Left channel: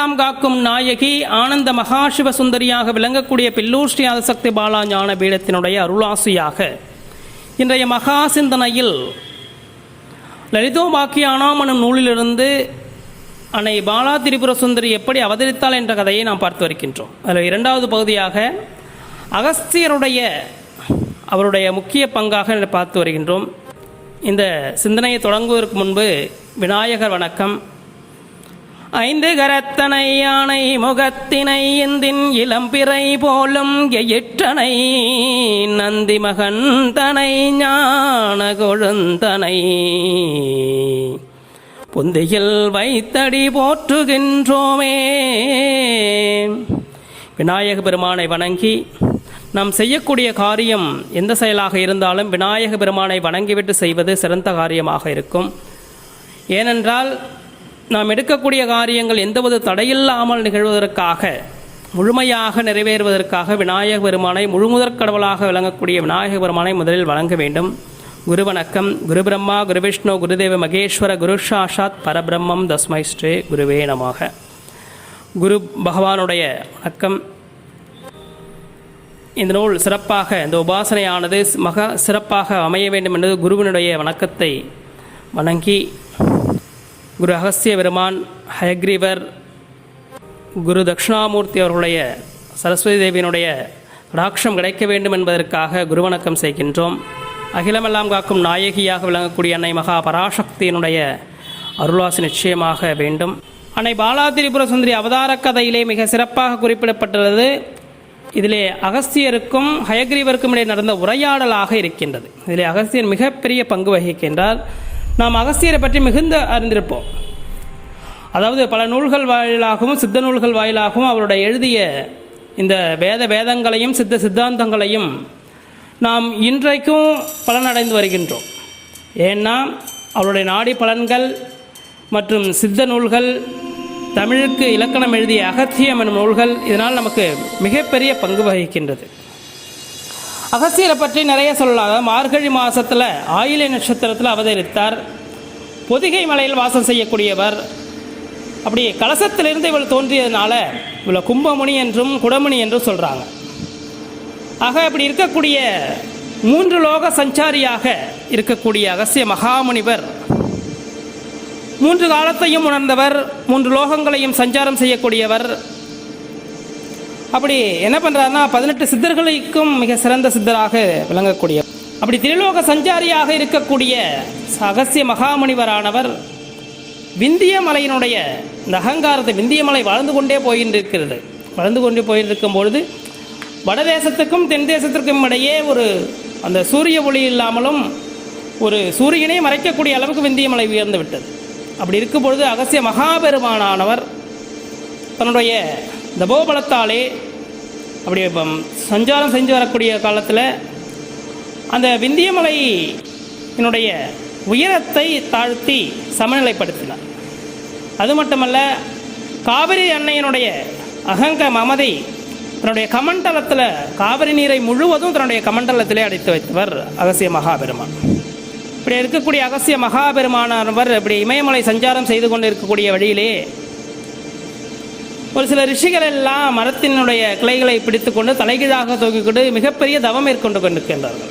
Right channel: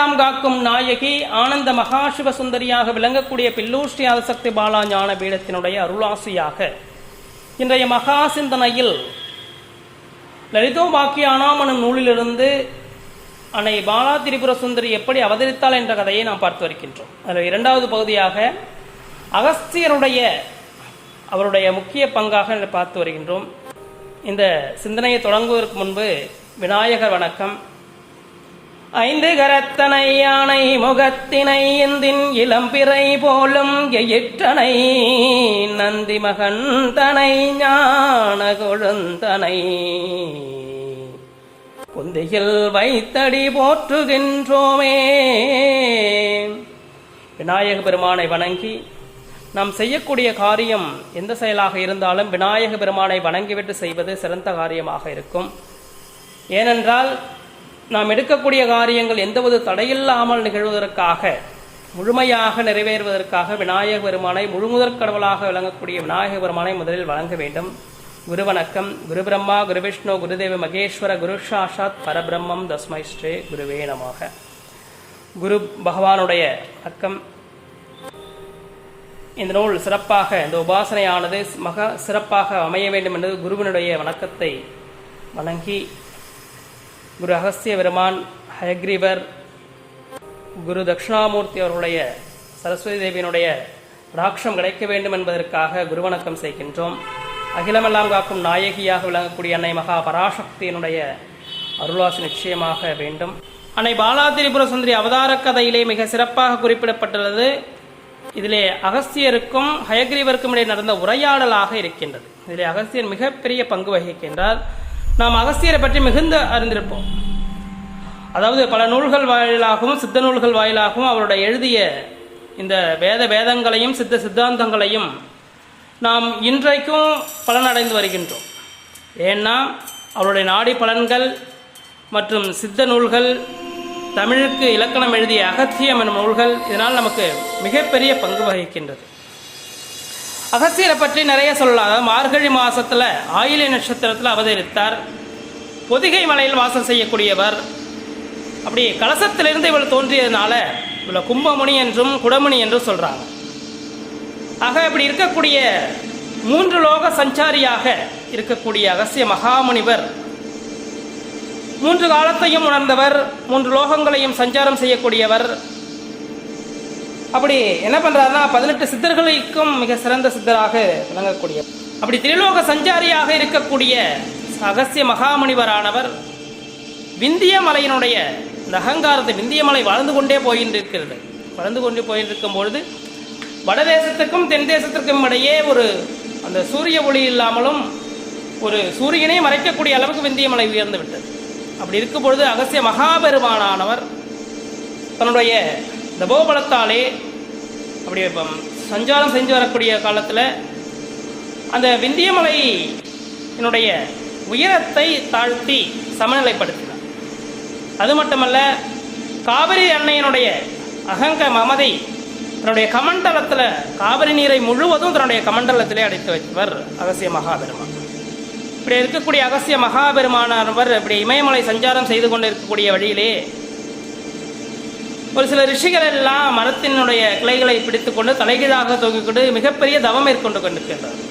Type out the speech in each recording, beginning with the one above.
அகிலமெல்லாம் காக்கும் நாயகி ஆனந்த மகாசிவ சுந்தரியாக விளங்கக்கூடிய பில்லூர் ஸ்ரீ ஆதிசக்தி பாலா ஞான பீடத்தினுடைய அருளாசியாக. இன்றைய மகா சிந்தனையில் லலிதோபாக்கியானாம் எனும் நூலிலிருந்து அன்னை பாலா திரிபுர சுந்தரி எப்படி அவதரித்தாள் என்ற கதையை நாம் பார்த்து வருகின்றோம். அதில் இரண்டாவது பகுதியாக அகஸ்தியருடைய அவருடைய முக்கிய பங்காக பார்த்து வருகின்றோம். இந்த சிந்தனையை தொடங்குவதற்கு முன்பு விநாயகர் வணக்கம். ஐந்து கரத்தனை யானை முகத்தினை இந்தின் இளம்பிறை போலும் எயிற்றனை நந்தி மகன் தனை ஞான கொழுந்தனை. புந்தியில் வைத்தடி போற்றுகின்றோமே. விநாயக பெருமானை வணங்கி நாம் செய்யக்கூடிய காரியம் எந்த செயலாக இருந்தாலும் விநாயக பெருமானை வணங்கிவிட்டு செய்வது சிறந்த காரியமாக இருக்கும். ஏனென்றால் நாம் எடுக்கக்கூடிய காரியங்கள் எந்தவொரு தடையில்லாமல் நிகழ்வதற்காக முழுமையாக நிறைவேறுவதற்காக விநாயக பெருமானை முழுமுதற் கடவுளாக விளங்கக்கூடிய விநாயக பெருமானை முதலில் வழங்க வேண்டும். குரு வணக்கம். குரு பிரம்மா குரு விஷ்ணு குருதேவ மகேஸ்வர குரு சாஷாத் பரபிரம்மம் தஸ்மை ஸ்ரீ குருவே நமாக. குரு பகவானுடைய வணக்கம் இந்த நூல் சிறப்பாக இந்த உபாசனையானது மக சிறப்பாக அமைய வேண்டும் என்பது குருவினுடைய வணக்கத்தை வணங்கி குரு அகஸ்திய பெருமான் ஹயக்ரீவர் குரு தட்சிணாமூர்த்தி அவர்களுடைய சரஸ்வதி தேவியினுடைய ராட்சம் கிடைக்க வேண்டும் என்பதற்காக குருவணக்கம் செய்கின்றோம். அகிலமெல்லாம் காக்கும் நாயகியாக விளங்கக்கூடிய அன்னை மகா பராசக்தியினுடைய அருள்வாசி நிச்சயமாக வேண்டும். அன்னை பாலாதிரிபுர சுந்தரி அவதார கதையிலே மிக சிறப்பாக குறிப்பிடப்பட்டுள்ளது. இதிலே அகஸ்தியருக்கும் ஹயக்ரீவருக்கும் இடையே நடந்த உரையாடலாக இருக்கின்றது. இதிலே அகஸ்தியர் மிகப்பெரிய பங்கு வகிக்கின்றார். நாம் அகஸ்தியரை பற்றி மிகுந்த அறிந்திருப்போம். அதாவது பல நூல்கள் வாயிலாகவும் சித்த நூல்கள் வாயிலாகவும் அவருடைய எழுதிய இந்த வேத வேதங்களையும் சித்த சித்தாந்தங்களையும் நாம் இன்றைக்கும் பலனடைந்து வருகின்றோம். ஏன்னா அவருடைய நாடி பலன்கள் மற்றும் சித்த நூல்கள் தமிழுக்கு இலக்கணம் எழுதிய அகத்தியம் எனும் நூல்கள் இதனால் நமக்கு மிகப்பெரிய பங்கு வகிக்கின்றது. அகஸ்தியரை பற்றி நிறைய சொல்லலாம். அதாவது மார்கழி மாதத்தில் ஆயிலை நட்சத்திரத்தில் அவதரித்தார். பொதிகை மலையில் வாசம் செய்யக்கூடியவர். அப்படி கலசத்திலிருந்து இவள் தோன்றியதுனால இவளை கும்பமணி என்றும் குடமணி என்றும் சொல்கிறாங்க ஆக இப்படி இருக்கக்கூடிய மூன்று லோக சஞ்சாரியாக இருக்கக்கூடிய அகசிய மகாமுனிவர் மூன்று காலத்தையும் உணர்ந்தவர் மூன்று லோகங்களையும் சஞ்சாரம் செய்யக்கூடியவர் அப்படி என்ன பண்ணுறாருன்னா பதினெட்டு சித்தர்களுக்கும் மிக சிறந்த சித்தராக விளங்கக்கூடிய அப்படி திரிலோக சஞ்சாரியாக இருக்கக்கூடிய அகசிய மகாமுனிவரானவர் விந்திய மலையினுடைய இந்த அகங்காரத்தை விந்திய மலை வளர்ந்து கொண்டே போயின்றிருக்கிறது. வளர்ந்து கொண்டே போயிருக்கும் பொழுது வடதேசத்துக்கும் தென் தேசத்திற்கும் இடையே ஒரு அந்த சூரிய ஒளி இல்லாமலும் ஒரு சூரியனை மறைக்கக்கூடிய அளவுக்கு விந்திய மலை உயர்ந்து விட்டது. அப்படி இருக்கும் பொழுது அகசிய மகாபெருமானானவர் தன்னுடைய தபோபலத்தாலே அப்படி சஞ்சாரம் செஞ்சு வரக்கூடிய காலத்தில் அந்த விந்தியமலை என்னுடைய உயரத்தை தாழ்த்தி சமநிலைப்படுத்தினார். அது மட்டுமல்ல காவிரி அன்னையனுடைய அகங்க மமதை தன்னுடைய கமண்டலத்தில் காவிரி நீரை முழுவதும் தன்னுடைய கமண்டலத்திலே அடைத்து வைத்தவர் அகசிய மகாபெருமான். இப்படி இருக்கக்கூடிய அகசிய மகாபெருமானவர் இப்படி இமயமலை சஞ்சாரம் செய்து கொண்டு இருக்கக்கூடிய வழியிலே ஒரு சில ரிஷிகள் எல்லாம் மரத்தினுடைய கிளைகளை பிடித்துக்கொண்டு தலைகீழாக தூக்கிக்கொண்டு மிகப்பெரிய தவம் மேற்கொண்டு கொண்டிருக்கின்றார்கள்.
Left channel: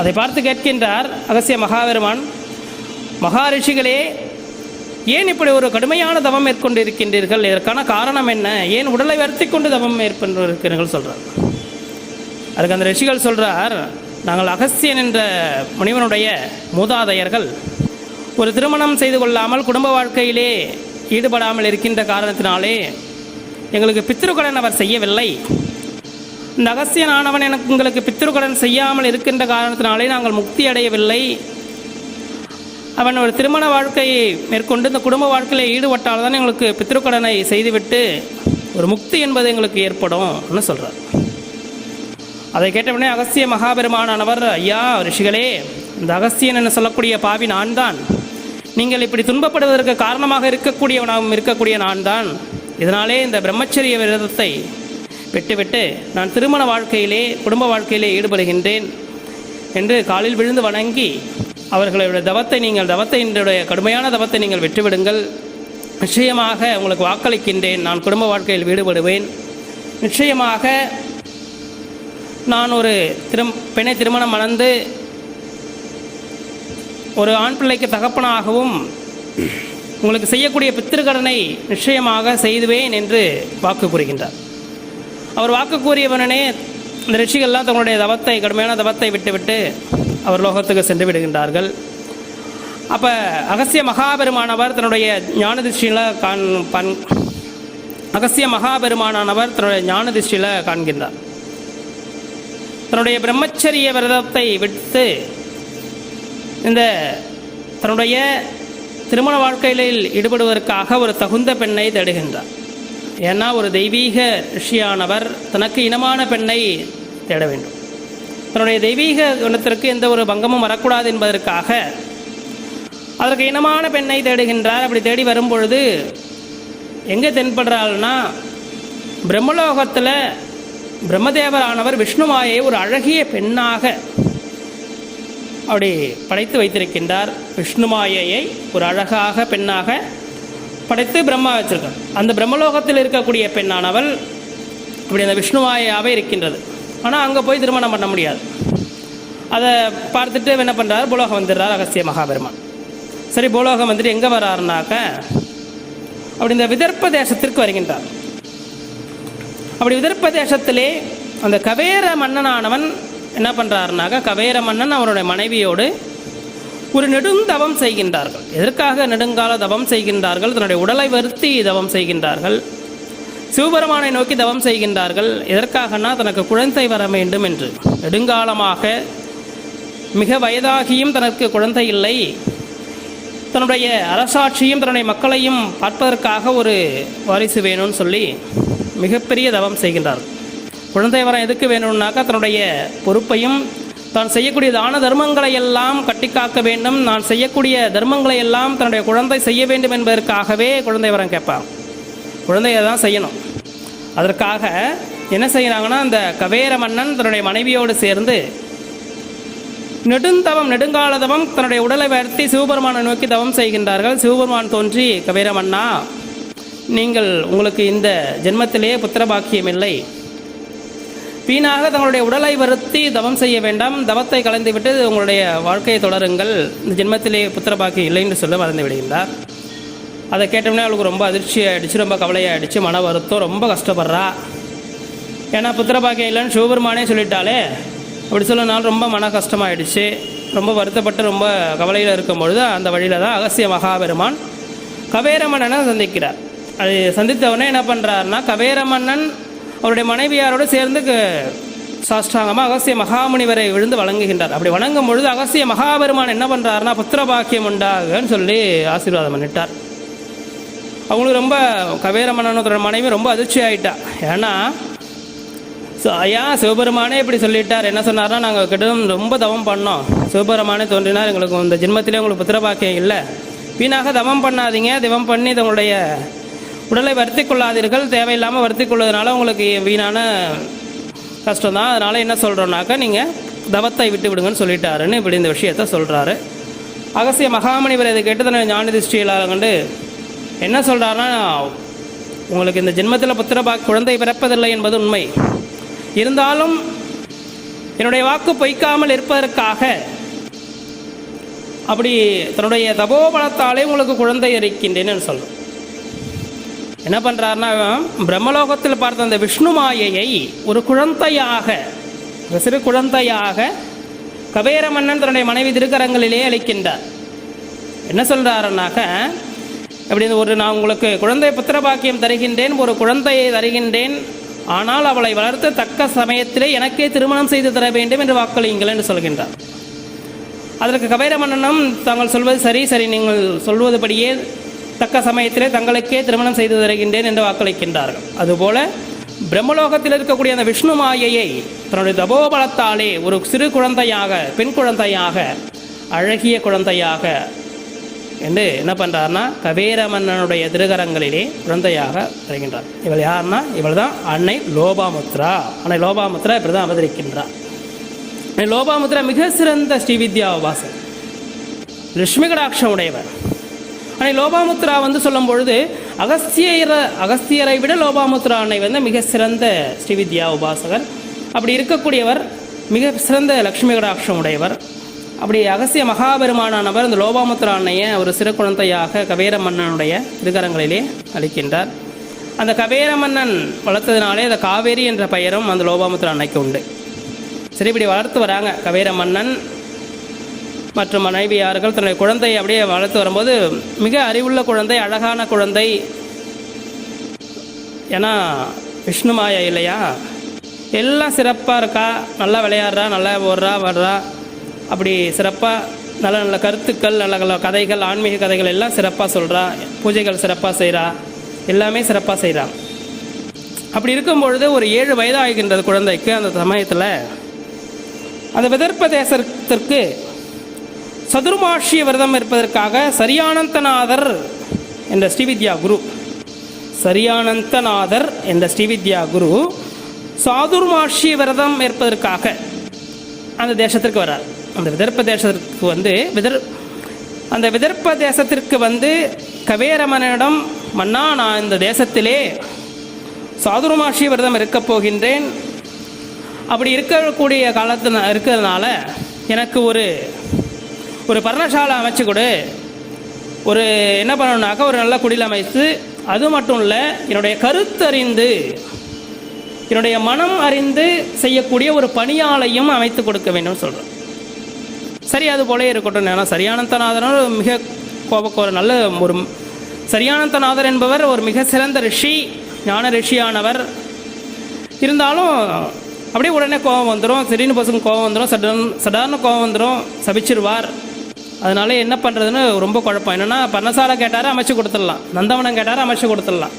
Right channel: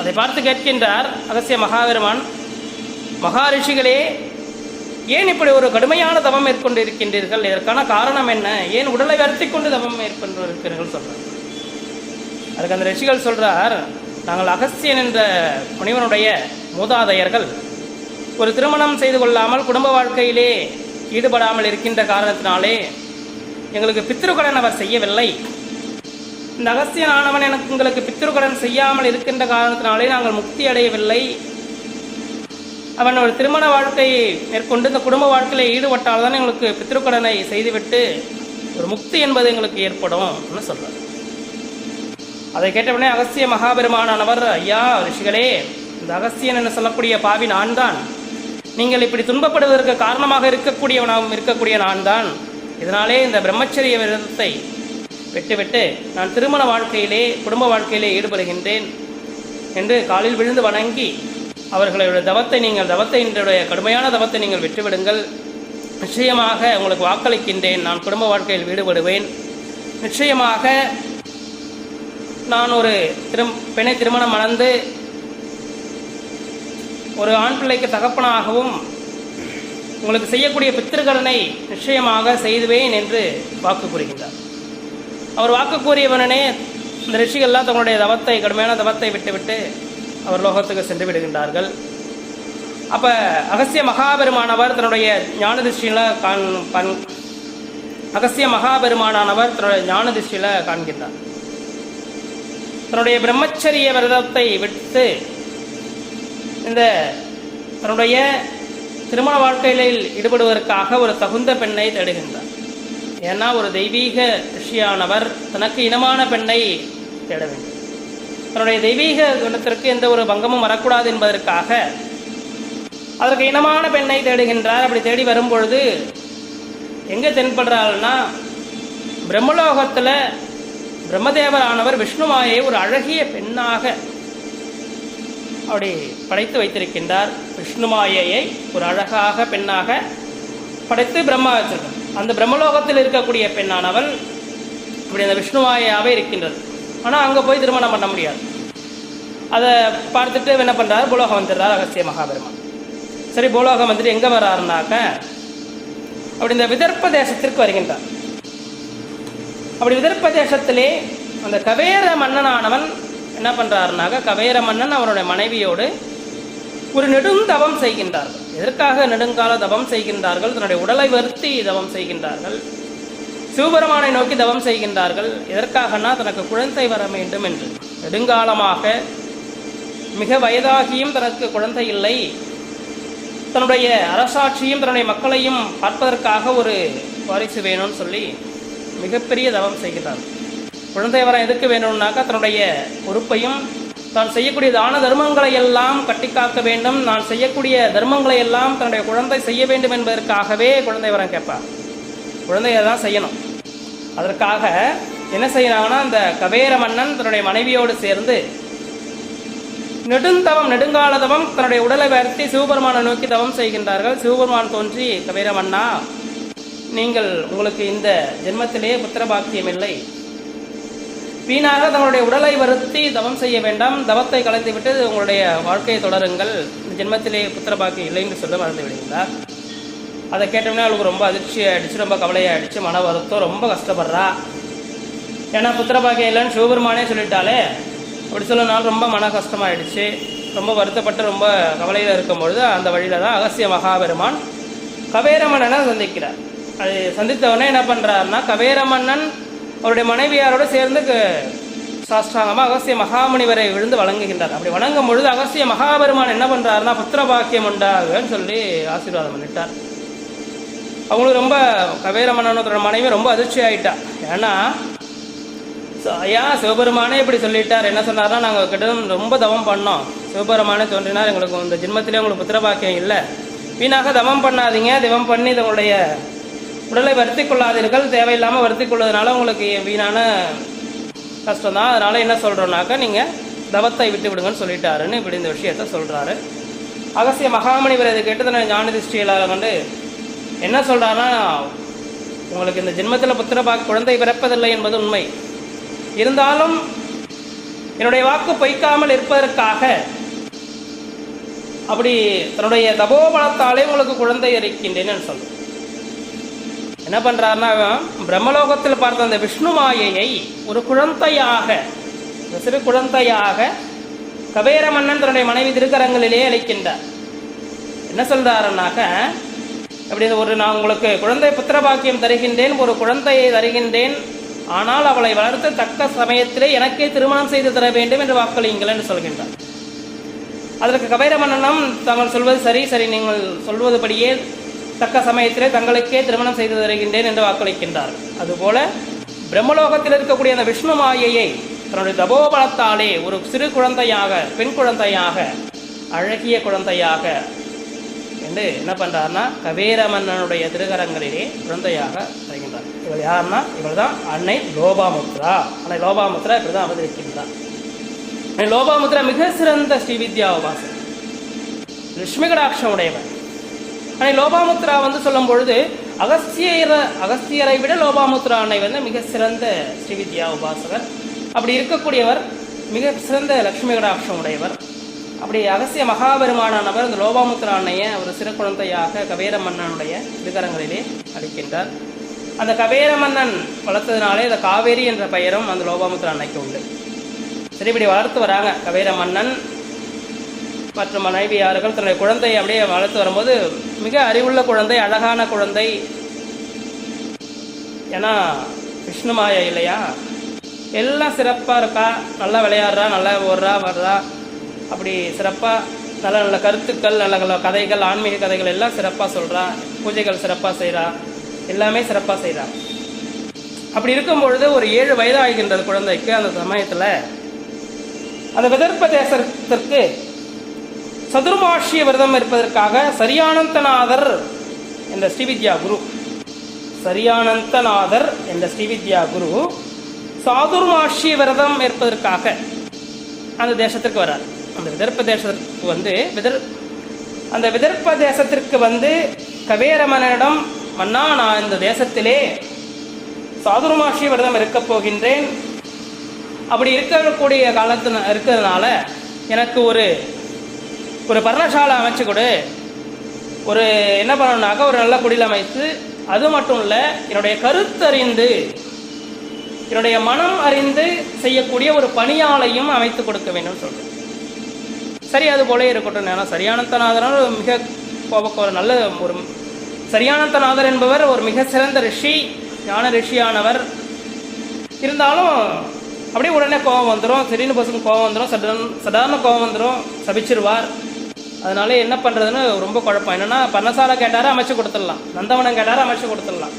அதை பார்த்து கேட்கின்றார் அகசிய மகாபெருமான் மகா ரிஷிகளே ஏன் இப்படி ஒரு கடுமையான தவம் மேற்கொண்டு இருக்கின்றீர்கள் இதற்கான காரணம் என்ன? ஏன் உடலை வருத்தி கொண்டு தவம் மேற்கொண்டு இருக்கிறீர்கள் சொல்கிறார் அதுக்கு அந்த ரிஷிகள் சொல்கிறார் நாங்கள் அகஸ்தியன் என்ற முனிவனுடைய மூதாதையர்கள். ஒரு திருமணம் செய்து கொள்ளாமல் குடும்ப வாழ்க்கையிலே ஈடுபடாமல் இருக்கின்ற காரணத்தினாலே எங்களுக்கு பித்திருக்கடன் அவர் செய்யவில்லை. இந்த அகஸ்தியன் எனக்கு உங்களுக்கு பித்திருக்கடன் செய்யாமல் இருக்கின்ற காரணத்தினாலே நாங்கள் முக்தி அடையவில்லை. அவன் ஒரு திருமண வாழ்க்கையை மேற்கொண்டு இந்த குடும்ப வாழ்க்கையில் ஈடுபட்டால் தான் எங்களுக்கு பித்திருக்கடனை செய்துவிட்டு ஒரு முக்தி என்பது எங்களுக்கு ஏற்படும் சொல்கிறார் அதை கேட்டவுடனே அகஸ்திய மகாபெருமானவர் ஐயா ரிஷிகளே இந்த அகஸ்தியன் என்று சொல்லக்கூடிய பாவி நான் தான் நீங்கள் இப்படி துன்பப்படுவதற்கு காரணமாக இருக்கக்கூடியவனாகவும் இருக்கக்கூடிய நான் தான் இதனாலே இந்த பிரம்மச்சரிய விரதத்தை விட்டுவிட்டு நான் திருமண வாழ்க்கையிலே குடும்ப வாழ்க்கையிலே ஈடுபடுகின்றேன் என்று காலில் விழுந்து வணங்கி அவர்களுடைய தவத்தை நீங்கள் தவத்தை என்னுடைய கடுமையான தவத்தை நீங்கள் விட்டுவிடுங்கள். நிச்சயமாக உங்களுக்கு வாக்களிக்கின்றேன். நான் குடும்ப வாழ்க்கையில் ஈடுபடுவேன். நிச்சயமாக நான் ஒரு திரும் பெண்ணை திருமணம் மணந்து ஒரு ஆண் பிள்ளைக்கு தகப்பனாகவும் உங்களுக்கு செய்யக்கூடிய பித்திருக்கடனை நிச்சயமாக செய்துவேன் என்று வாக்கு கூறுகின்றார். அவர் வாக்கு கூறியவனே இந்த ரிஷிகள்லாம் தங்களுடைய தவத்தை கடுமையான தவத்தை விட்டுவிட்டு அவர் லோகத்துக்கு சென்று விடுகின்றார்கள். அப்போ அகசிய மகாபெருமானவர் தன்னுடைய ஞான திருஷ்டியில் காண் பண் அகசிய மகாபெருமானானவர் தன்னுடைய ஞான திருஷ்டியில் காண்கின்றார். தன்னுடைய பிரம்மச்சரிய விரதத்தை விட்டு இந்த தன்னுடைய திருமண வாழ்க்கையில் ஈடுபடுவதற்காக ஒரு தகுந்த பெண்ணை தேடுகின்றார். ஏன்னா ஒரு தெய்வீக ரிஷியானவர் தனக்கு இனமான பெண்ணை தேட வேண்டும். தன்னுடைய தெய்வீக குணத்திற்கு எந்த ஒரு பங்கமும் வரக்கூடாது என்பதற்காக அதற்கு இனமான பெண்ணை தேடுகின்றார். அப்படி தேடி வரும்பொழுது எங்கே தென்படுறாள்னா பிரம்மலோகத்தில் பிரம்மதேவரானவர் விஷ்ணுமாயை ஒரு அழகிய பெண்ணாக அப்படி படைத்து வைத்திருக்கின்றார் விஷ்ணுமாயையை ஒரு அழகாக பெண்ணாக படைத்து பிரம்மா வச்சிருக்கார். அந்த பிரம்மலோகத்தில் இருக்கக்கூடிய பெண்ணானவள் இப்படி அந்த விஷ்ணுமாயாவே இருக்கின்றது. ஆனால் அங்கே போய் திருமணம் பண்ண முடியாது. அதை பார்த்துட்டு என்ன பண்ணுறாரு பூலோகம் வந்துடுறார் அகசிய மகாபெருமான். சரி பூலோகம் வந்துட்டு எங்கே வர்றாருனாக்க அப்படி இந்த விதர்ப்ப தேசத்திற்கு வருகின்றார். அப்படி விதர்ப்ப தேசத்திலே அந்த கவேர மன்னனானவன் என்ன பண்ணுறாருனாக்க கவேர மன்னன் அவருடைய மனைவியோடு ஒரு நெடுந்தவம் செய்கின்றார்கள். எதற்காக நெடுங்கால தவம் செய்கின்றார்கள்? தன்னுடைய உடலை வருத்தி தவம் செய்கின்றார்கள். சிவபெருமானை நோக்கி தவம் செய்கின்றார்கள். எதற்காகனா தனக்கு குழந்தை வர வேண்டும் என்று. நெடுங்காலமாக மிக வயதாகியும் தனக்கு குழந்தை இல்லை. தன்னுடைய அரசாட்சியும் தன்னுடைய மக்களையும் பார்ப்பதற்காக ஒரு வாரிசு வேணும்னு சொல்லி மிகப்பெரிய தவம் செய்கின்றார்கள். குழந்தை வரம் எதுக்கு வேணும்னாக்கா தன்னுடைய பொறுப்பையும் தான் செய்யக்கூடிய தான தர்மங்களை எல்லாம் கட்டிக்காக்க வேண்டும். நான் செய்யக்கூடிய தர்மங்களை எல்லாம் தன்னுடைய குழந்தை செய்ய வேண்டும் என்பதற்காகவே குழந்தை வரம் கேட்பான். குழந்தைய தான் செய்யணும். அதற்காக என்ன செய்கிறாங்கன்னா அந்த கவேர மன்னன் தன்னுடைய மனைவியோடு சேர்ந்து நெடுந்தவம் நெடுங்காலதவம் தன்னுடைய உடலை வருத்தி சிவபெருமானை நோக்கி தவம் செய்கின்றார்கள். சிவபெருமான் தோன்றி கவேரமன்னா நீங்கள் உங்களுக்கு இந்த ஜென்மத்திலேயே புத்திர பாக்கியம் இல்லை. வீணாக தங்களுடைய உடலை வருத்தி தவம் செய்ய வேண்டாம். தவத்தை கலந்துவிட்டு உங்களுடைய வாழ்க்கையை தொடருங்கள். இந்த ஜென்மத்திலே புத்திர பாக்கியம் இல்லை என்று சொல்ல மறந்து விடுகிறார் அதை கேட்டோம்னா அவளுக்கு ரொம்ப அதிர்ச்சி ஆகிடுச்சு ரொம்ப கவலையாகிடுச்சு மன வருத்தம் ரொம்ப கஷ்டப்படுறா. ஏன்னா புத்திர பாக்கியம் இல்லைன்னு சிவபெருமானே சொல்லிட்டாலே அப்படி சொல்லனால ரொம்ப மன கஷ்டமாயிடுச்சு. ரொம்ப வருத்தப்பட்டு ரொம்ப கவலையில் இருக்கும் பொழுது அந்த வழியில் தான் அகசிய மகாபெருமான் கவேரமன்னனை சந்திக்கிறார். அது சந்தித்தவொடனே என்ன பண்ணுறாருன்னா கவேரமன்னன் அவருடைய மனைவியாரோடு சேர்ந்து சாஷ்டாங்கமாக அகசிய மகாமுனிவரை விழுந்து வழங்குகின்றார். அப்படி வணங்கும் பொழுது அகசிய மகாபெருமான் என்ன பண்ணுறாருனா புத்திர பாக்கியம் உண்டாகன்னு சொல்லி ஆசீர்வாதம் பண்ணிட்டார். அவங்களுக்கு ரொம்ப கவேரமன்னனோட மனைவி ரொம்ப அதிர்ச்சி ஆயிட்டா. ஏன்னா ஐயா சிவபெருமானே இப்படி சொல்லிட்டார். என்ன சொன்னார்னா நாங்கள் கிட்ட ரொம்ப தவம் பண்ணோம். சிவபெருமானே தோன்றினார் எங்களுக்கு இந்த ஜென்மத்திலே உங்களுக்கு புத்திர பாக்கியம் இல்லை. வீணாக தவம் பண்ணாதீங்க. தவம் பண்ணி இதனுடைய உடலை வருத்தி கொள்ளாதீர்கள் தேவையில்லாமல் வருத்தி கொள்வதனால உங்களுக்கு வீணான கஷ்டம் தான் அதனால் என்ன சொல்கிறோன்னாக்கா நீங்கள் தவத்தை விட்டு விடுங்கன்னு சொல்லிட்டாருன்னு இப்படி இந்த விஷயத்த சொல்கிறாரு அகசிய மகாமணி இதை கேட்டு தன்னை ஞான திருஷ்டியலாக கண்டு என்ன சொல்கிறாருன்னா உங்களுக்கு இந்த ஜென்மத்தில் புத்திரபா குழந்தை பிறப்பதில்லை என்பது உண்மை. இருந்தாலும் என்னுடைய வாக்கு பொய்க்காமல் இருப்பதற்காக அப்படி தன்னுடைய தபோபலத்தாலே உங்களுக்கு குழந்தை இருக்கின்றேன்னு சொல்கிறேன் என்ன பண்றாருன்னா பிரம்மலோகத்தில் பார்த்த அந்த விஷ்ணு மாயையை ஒரு குழந்தையாக ஒரு சிறு குழந்தையாக கபேர மன்னன் தன்னுடைய மனைவி திருக்கரங்களிலே அளிக்கின்றார் என்ன சொல்றாருன்னாக்க அப்படி ஒரு நான் உங்களுக்கு குழந்தை புத்திர பாக்கியம் தருகின்றேன் ஒரு குழந்தையை தருகின்றேன் ஆனால் அவளை வளர்த்து தக்க சமயத்திலே எனக்கே திருமணம் செய்து தர வேண்டும் என்று வாக்களியுங்கள் என்று சொல்கின்றார். அதற்கு கபேர மன்னனும் தாங்கள் சொல்வது சரி சரி நீங்கள் சொல்வதுபடியே தக்க சமயத்திலே தங்களுக்கே திருமணம் செய்து தருகின்றேன் என்று வாக்களிக்கின்றார். அதுபோல பிரம்மலோகத்தில் இருக்கக்கூடிய அந்த விஷ்ணு மாயையை தன்னுடைய தபோபலத்தாலே ஒரு சிறு குழந்தையாக பெண் குழந்தையாக அழகிய குழந்தையாக என்று என்ன பண்ணுறாருன்னா கபேர மன்னனுடைய திருகரங்களிலே குழந்தையாக வருகின்றார் இவள் யாருன்னா இவள் தான் அன்னை லோபாமுத்ரா. அன்னை லோபாமுத்ரா இப்படி தான் அவதரிக்கின்றார். லோபாமுத்ரா மிக சிறந்த ஸ்ரீவித்யா உபாசன் லட்சுமி கடாட்சம் உடையவர் ஆனால் லோபாமுத்ரா வந்து சொல்லும் பொழுது அகஸ்தியர அகஸ்தியரை விட லோபாமுத்ரா அன்னை வந்து மிக சிறந்த ஸ்ரீவித்யா உபாசகர். அப்படி இருக்கக்கூடியவர் மிக சிறந்த லக்ஷ்மி கடாட்சம் உடையவர். அப்படி அகசிய மகாபெருமானானவர் இந்த லோபாமுத்ரா அன்னையை ஒரு சிறு குழந்தையாக கவேர மன்னனுடைய திருக்கரங்களிலே அளிக்கின்றார். அந்த கவேர மன்னன் வளர்த்ததினாலே இந்த காவேரி என்ற பெயரும் அந்த லோபாமுத்ரா அன்னைக்கு உண்டு. சரி இப்படி வளர்த்து வராங்க கவேர மன்னன் மற்றும் மனைவியார்கள் தன்னுடைய குழந்தையை அப்படியே வளர்த்து வரும்போது மிக அறிவுள்ள குழந்தை அழகான குழந்தை. ஏன்னா விஷ்ணு மாயா இல்லையா? எல்லாம் சிறப்பாக இருக்கா? நல்லா விளையாடுறா நல்லா ஓடுறா வர்றா. அப்படி சிறப்பாக நல்ல நல்ல கருத்துக்கள் நல்ல நல்ல கதைகள் ஆன்மீக கதைகள் எல்லாம் சிறப்பாக சொல்கிறா பூஜைகள் சிறப்பாக செய்கிறா எல்லாமே சிறப்பாக செய்கிறா அப்படி இருக்கும் பொழுது ஒரு ஏழு வயதாகின்றது குழந்தைக்கு அந்த சமயத்தில். அந்த விதர்ப்ப சதுர்பாஷ்ய விரதம் இருப்பதற்காக சரியானந்தநாதர் என்ற ஸ்ரீவித்யா குரு. சரியானந்தநாதர் என்ற ஸ்ரீவித்யா குரு சாதுர்மாஷிய விரதம் இருப்பதற்காக அந்த தேசத்திற்கு வரார் அந்த விதர்ப்ப தேசத்திற்கு வந்து விதர் அந்த விதர்ப்ப தேசத்திற்கு வந்து கவேரமனிடம் மன்னா நான் இந்த தேசத்திலே சாதுர்மாஷிய விரதம் இருக்கப் போகின்றேன். அப்படி இருக்கக்கூடிய காலத்து இருக்கிறதுனால எனக்கு ஒரு ஒரு பர்ணசாலை அமைச்சு கொடு. ஒரு என்ன பண்ணணும்னாக்கா ஒரு நல்ல குடில் அமைத்து அது மட்டும் இல்லை என்னுடைய கருத்தறிந்து என்னுடைய மனம் அறிந்து செய்யக்கூடிய ஒரு பணியாளையும் அமைத்து கொடுக்க வேண்டும் சொல்கிறேன் சரி அது போல இருக்கட்டும் நான் சரியானந்தநாதர் மிக ஒரு நல்ல ஒரு சரியானந்தநாதர் என்பவர் ஒரு மிக சிறந்த ரிஷி ஞான ரிஷியானவர். இருந்தாலும் அப்படியே உடனே கோபம் வந்துடும் திடீர்னு பசங்க கோபம் வந்துடும் சடன் சடாரண கோபம் வந்துடும் சபிச்சிருவார். அதனால என்ன பண்ணுறதுன்னு ரொம்ப குழப்பம். என்னென்னா பர்ணசாலை கேட்டார் அமைச்சு கொடுத்துடலாம். நந்தவனம் கேட்டார் அமைச்சு கொடுத்துடலாம்.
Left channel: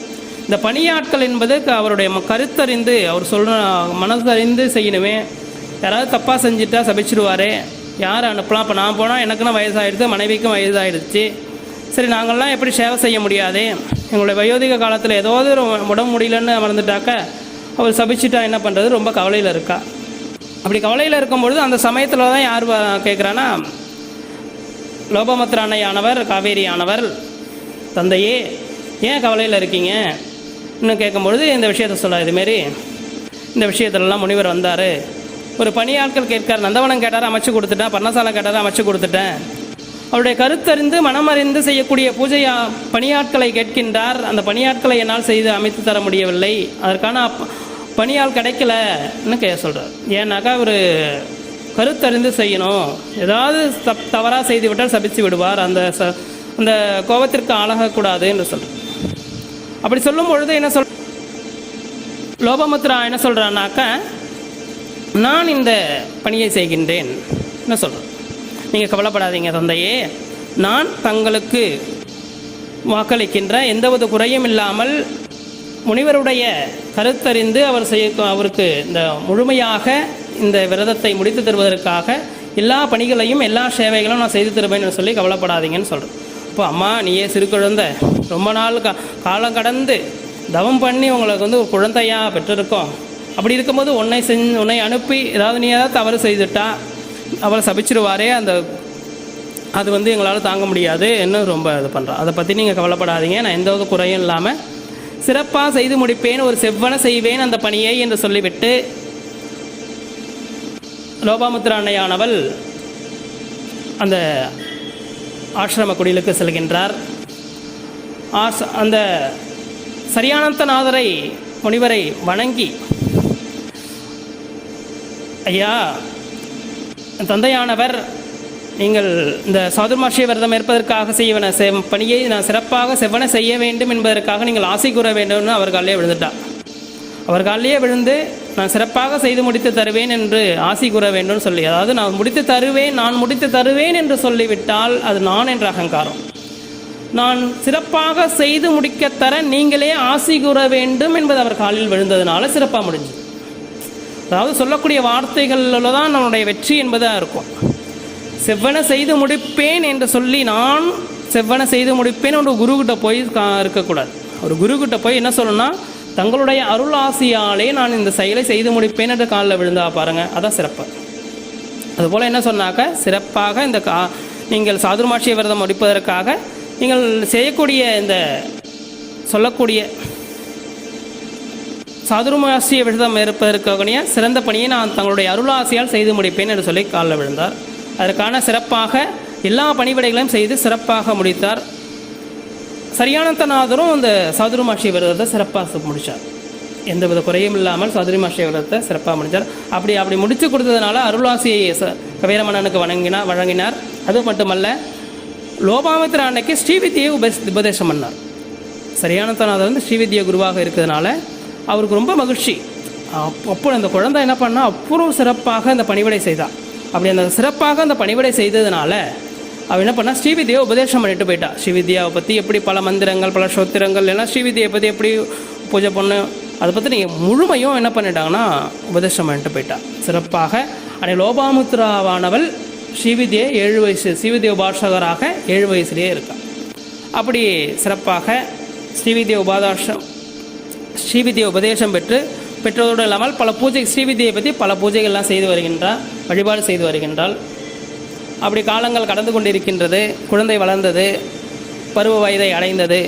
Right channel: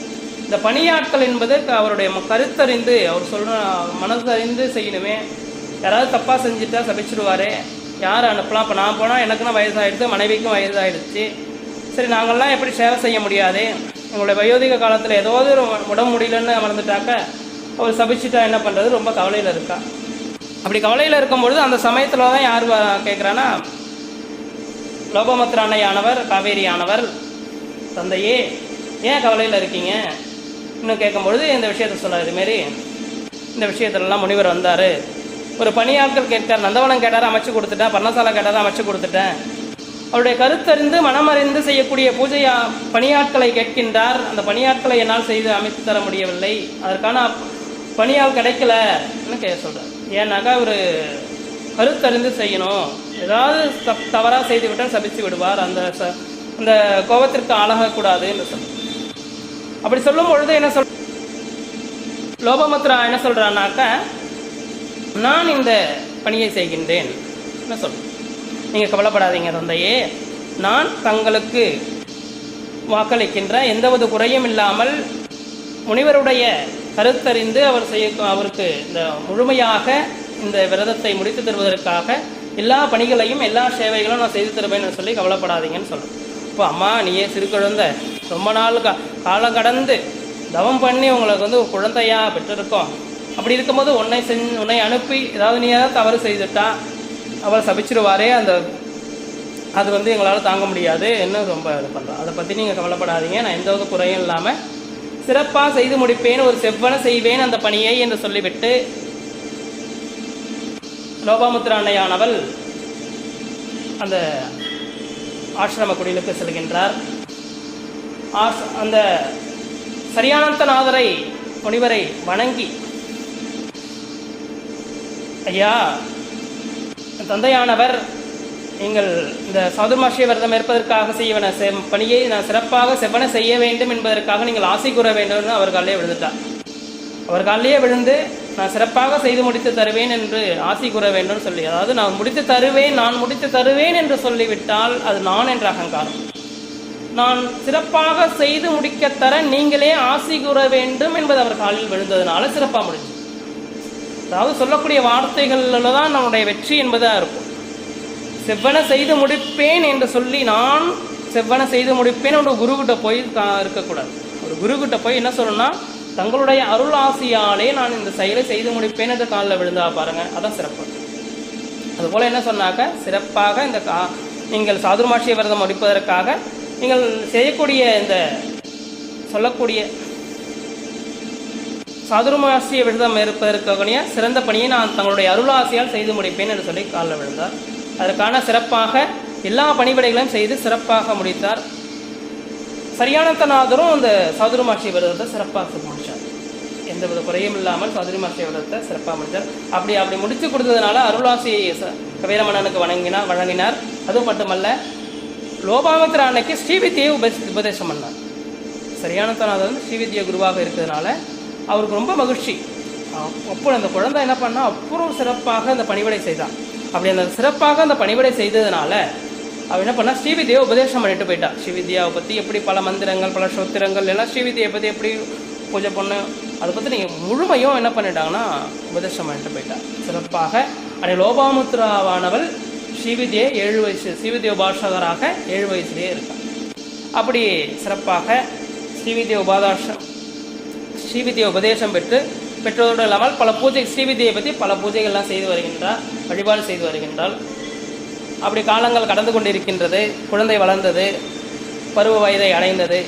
இந்த பணியாட்கள் என்பது அவருடைய கருத்தறிந்து அவர் சொல்கிற மனசறிந்து செய்யணுமே. யாராவது தப்பாக செஞ்சுட்டா சபிச்சிடுவார் யார் அனுப்பலாம்? இப்போ நான் போனால் எனக்குன்னு வயசாகிடுது மனைவிக்கும் வயசாகிடுச்சு சரி நாங்கள்லாம் எப்படி சேவை செய்ய முடியாது? எங்களுடைய வயோதிக காலத்தில் ஏதாவது ஒரு உடம்பு முடியலன்னு அமர்ந்துட்டாக்க அவர் சபிச்சிட்டா என்ன பண்ணுறது ரொம்ப கவலையில் இருக்கா. அப்படி கவலையில் இருக்கும்பொழுது அந்த சமயத்தில் தான் யார் கேட்குறான்னா லோகமத்ர அன்னையானவர் காவேரி ஆனவர் தந்தையே ஏன் கவலையில் இருக்கீங்க? இன்னும் கேட்கும்பொழுது இந்த விஷயத்த சொன்னார். இதுமாரி இந்த விஷயத்துலலாம் முனிவர் வந்தார். ஒரு பணியாட்கள் கேட்கார் நந்தவனம் கேட்டார் அமைச்சு கொடுத்துட்டேன். பர்ணசாலை கேட்டார் அமைச்சு கொடுத்துட்டேன். அவருடைய கருத்தறிந்து மனமறிந்து செய்யக்கூடிய பூஜையா பணியாட்களை கேட்கின்றார். அந்த பணியாட்களை என்னால் செய்து அமைத்து தர முடியவில்லை. அதற்கான பணியால் கிடைக்கலன்னு கே சொல்கிறார் ஏன்னாக்கா ஒரு கருத்தறிந்து செய்யணும். ஏதாவது தப் தவறாக செய்து விட்டால் சபித்து விடுவார். அந்த ச அந்த கோபத்திற்கு ஆளாகக்கூடாது என்று சொல் அப்படி சொல்லும் பொழுது என்ன சொல் லோபமுத்ரா என்ன சொல்கிறான்னாக்கா நான் இந்த பணியை செய்கின்றேன். என்ன சொல்கிறேன் நீங்கள் கவலைப்படாதீங்க தந்தையே. நான் தங்களுக்கு வாக்களிக்கின்ற எந்தவித குறையும் இல்லாமல் முனிவருடைய கருத்தறிந்து அவர் செய்ய அவருக்கு இந்த முழுமையாக இந்த விரதத்தை முடித்து தருவதற்காக எல்லா பணிகளையும் எல்லா சேவைகளும் நான் செய்து தருவேன்னு சொல்லி கவலைப்படாதீங்கன்னு சொல்கிறேன் இப்போ அம்மா நீயே சிறு குழந்தை ரொம்ப நாள் கா காலம் கடந்து தவம் பண்ணி உங்களுக்கு வந்து ஒரு குழந்தையா பெற்றிருக்கோம். அப்படி இருக்கும்போது உன்னை செஞ்சு உன்னை அனுப்பி ஏதாவது நீ ஏதாவது தவறு செய்துட்டா அவரை சபிச்சிருவாரே அந்த அது வந்து எங்களால் தாங்க முடியாது இன்னும் ரொம்ப இது பண்ணுறோம் அதை பற்றி நீங்கள் கவலைப்படாதீங்க. நான் எந்த ஒரு குறையும் இல்லாமல் சிறப்பாக செய்து முடிப்பேன் ஒரு செவ்வன செய்வேன் அந்த பணியை என்று சொல்லிவிட்டு லோபாமுத்திர அன்னையானவள் அந்த ஆசிரம குடிலுக்கு செல்கின்றார். ஆஸ் அந்த சரியானந்தநாதரை முனிவரை வணங்கி ஐயா தந்தையானவர் நீங்கள் இந்த சாதுர்மாஷிய விரதம் இருப்பதற்காக செய்வன செ- பணியை நான் சிறப்பாக செவ்வன செய்ய வேண்டும் என்பதற்காக நீங்கள் ஆசை கூற வேண்டும்னு அவர் காலையே விழுந்துட்டார். அவர் காலையே விழுந்து நான் சிறப்பாக செய்து முடித்து தருவேன் என்று ஆசி கூற வேண்டும் சொல்லி அதாவது நான் முடித்து தருவேன் நான் முடித்து தருவேன் என்று சொல்லிவிட்டால் அது நான் என்ற அகங்காரம். நான் சிறப்பாக செய்து முடிக்க தர நீங்களே ஆசி கூற வேண்டும் என்பது அவர் காலில் விழுந்ததுனால சிறப்பாக முடிஞ்சு அதாவது சொல்லக்கூடிய வார்த்தைகளில் தான் நம்முடைய வெற்றி என்பதாக இருக்கும். செவ்வன செய்து முடிப்பேன் என்று சொல்லி நான் செவ்வன செய்து முடிப்பேன் ஒரு குருக்கிட்ட போய் இருக்கக்கூடாது. ஒரு குருக்கிட்ட போய் என்ன சொல்லணும்னா தங்களுடைய அருள் ஆசையாலே நான் இந்த செயலை செய்து முடிப்பேன் என்று காலில் விழுந்தா பாருங்க. அதான் சிறப்பு. அதுபோல் என்ன சொன்னாக்க சிறப்பாக இந்த கா நீங்கள் சாதுர்மாட்சிய விரதம் முடிப்பதற்காக நீங்கள் செய்யக்கூடிய இந்த சொல்லக்கூடிய சதுர்மாசிய விரதம் இருப்பதற்குரிய சிறந்த பணியை நான் தங்களுடைய அருளாசியால் செய்து முடிப்பேன் என்று சொல்லி காலில் விழுந்தார். அதற்கான சிறப்பாக எல்லா பணிவிடைகளையும் செய்து சிறப்பாக முடித்தார். சரியானத்தநாதரும் அந்த சதுர்மாசி விரதத்தை சிறப்பாக முடித்தார் எந்தவித குறையும் இல்லாமல் சதுர்மாசி விரதத்தை சிறப்பாக முடித்தார் அப்படி அப்படி முடித்து கொடுத்ததுனால அருளாசி வீரமணனுக்கு வணங்கினார் வழங்கினார் வழங்கினார். அது மட்டுமல்ல லோபாவத்திர அன்னைக்கு ஸ்ரீவித்தியை உப உபதேசம் பண்ணார். சரியானத்தநாதர் வந்து ஸ்ரீவித்யா குருவாக இருக்கிறதுனால அவருக்கு ரொம்ப மகிழ்ச்சி. அப்போ அந்த குழந்தை என்ன பண்ணால் அப்புறம் சிறப்பாக அந்த பணிவிடை செய்தான் அப்படி அந்த சிறப்பாக அந்த பணிவிடை செய்ததுனால அவள் என்ன பண்ணா ஸ்ரீவித்யாவை உபதேசம் பண்ணிட்டு போயிட்டா ஸ்ரீவித்யாவை பற்றி எப்படி பல மந்திரங்கள் பல சோத்திரங்கள் எல்லாம் ஸ்ரீவித்யை பற்றி எப்படி பூஜை பண்ண அதை பற்றி நீங்கள் முழுமையும் என்ன பண்ணிட்டாங்கன்னா உபதேசம் பண்ணிட்டு போயிட்டா சிறப்பாக அன்னை லோபாமுத்ராவானவள் ஸ்ரீவித்யை ஏழு வயசு ஸ்ரீவித்ய உபாசகராக ஏழு வயசுலேயே இருக்கான். அப்படி சிறப்பாக ஸ்ரீவித்ய உபாதாசம் ஸ்ரீவித்ய உபதேசம் பெற்று பெற்றதோடு இல்லாமல் பல பூஜை ஸ்ரீவித்யை பற்றி பல பூஜைகள்லாம் செய்து வருகின்றார் வழிபாடு செய்து வருகின்றாள். அப்படி காலங்கள் கடந்து கொண்டிருக்கின்றது. குழந்தை வளர்ந்தது. பருவ வயதை அடைந்தது.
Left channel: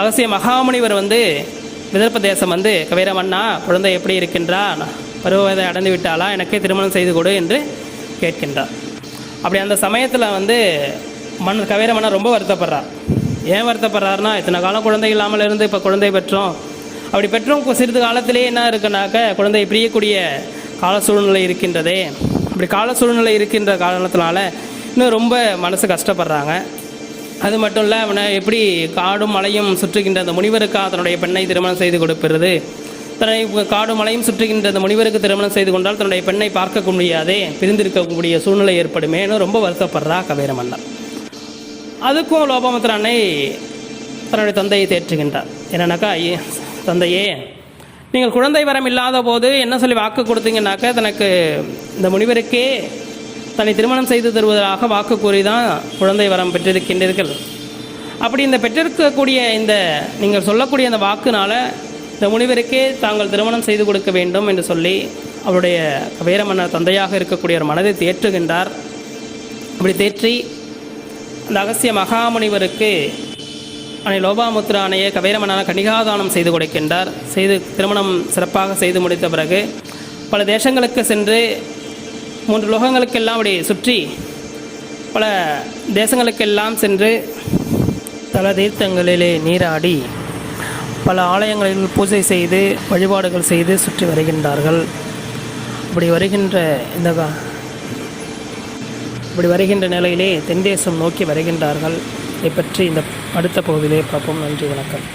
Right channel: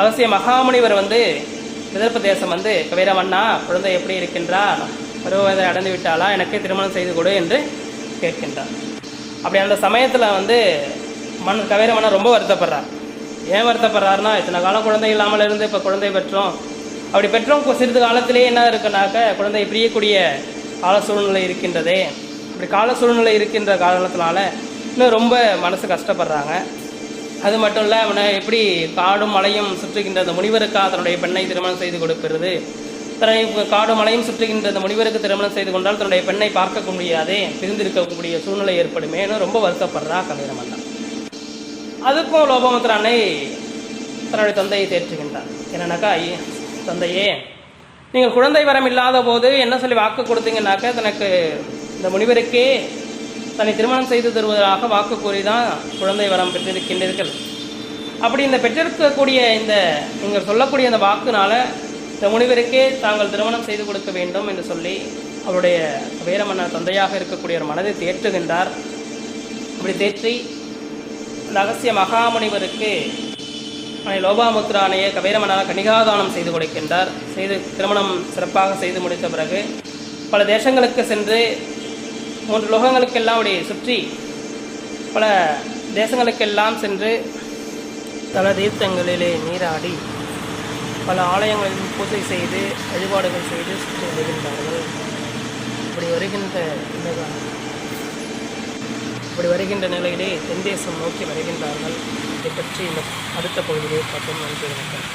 அவசிய மகாமுனிவர் வந்து விதர்ப்ப தேசம் வந்து கவீரமன்னா குழந்தை எப்படி இருக்கின்றா? பருவ வயதை அடைந்து விட்டாளா? எனக்கே திருமணம் செய்து கொடு என்று கேட்கின்றார். அப்படி அந்த சமயத்தில் வந்து மன் கவீரமன்னர் ரொம்ப வருத்தப்படுறார். ஏன் வருத்தப்படுறாருன்னா இத்தனை காலம் குழந்தை இல்லாமல் இருந்து இப்போ குழந்தை பெற்றோம். அப்படி பெற்றோம் இப்போ சிறிது காலத்திலேயே என்ன இருக்குனாக்க குழந்தை பிரியக்கூடிய கால சூழ்நிலை இருக்கின்றதே. இப்படி கால சூழ்நிலை இருக்கின்ற காரணத்தினால இன்னும் ரொம்ப மனசு கஷ்டப்படுறாங்க. அது மட்டும் இல்லை அவனை எப்படி காடும் மலையும் சுற்றுகின்ற அந்த முனிவருக்கு தன்னுடைய பெண்ணை திருமணம் செய்து கொடுப்பது தன்னை காடும் மலையும் சுற்றுகின்ற அந்த முனிவருக்கு திருமணம் செய்து கொண்டால் தன்னுடைய பெண்ணை பார்க்க முடியாதே பிரிந்திருக்கக்கூடிய சூழ்நிலை ஏற்படுமேன்னு ரொம்ப வருத்தப்படுறா கபீர அதுக்கும் லோபமுத்திர அன்னை தன்னுடைய தந்தையை தேற்றுகின்றார். என்னன்னாக்கா ஐயே தந்தையே நீங்கள் குழந்தை வரம் இல்லாத போது என்ன சொல்லி வாக்கு கொடுத்தீங்கன்னாக்கா தனக்கு இந்த முனிவருக்கே தன்னை திருமணம் செய்து தருவதாக வாக்கு கூறி தான் குழந்தை வரம் பெற்றிருக்கின்றீர்கள். அப்படி இந்த பெற்றிருக்கக்கூடிய இந்த நீங்கள் சொல்லக்கூடிய இந்த வாக்குனால இந்த முனிவருக்கே தாங்கள் திருமணம் செய்து கொடுக்க வேண்டும் என்று சொல்லி அவருடைய வீரமன்னர் தந்தையாக இருக்கக்கூடிய ஒரு மனதை தேற்றுகின்றார். அப்படி தேற்றி இந்த அகசிய மகாமுனிவருக்கு அணை லோபாமுத்திர அணையை கபீரமன்னர் கணிகாதானம் செய்து கொடுக்கின்றார். செய்து திருமணம் சிறப்பாக செய்து முடித்த பிறகு பல தேசங்களுக்கு சென்று மூன்று லோகங்களுக்கெல்லாம் அப்படி சுற்றி பல தேசங்களுக்கெல்லாம் சென்று பல தீர்த்தங்களிலே நீராடி பல ஆலயங்களில் பூஜை செய்து வழிபாடுகள் செய்து சுற்றி வருகின்றார்கள். இப்படி வருகின்ற இந்த இப்படி வருகின்ற நிலையிலே தென்தேசம் நோக்கி வருகின்றார்கள். இதை பற்றி இந்த அடுத்த பகுதியிலே பார்ப்போம். நன்றி வணக்கம்.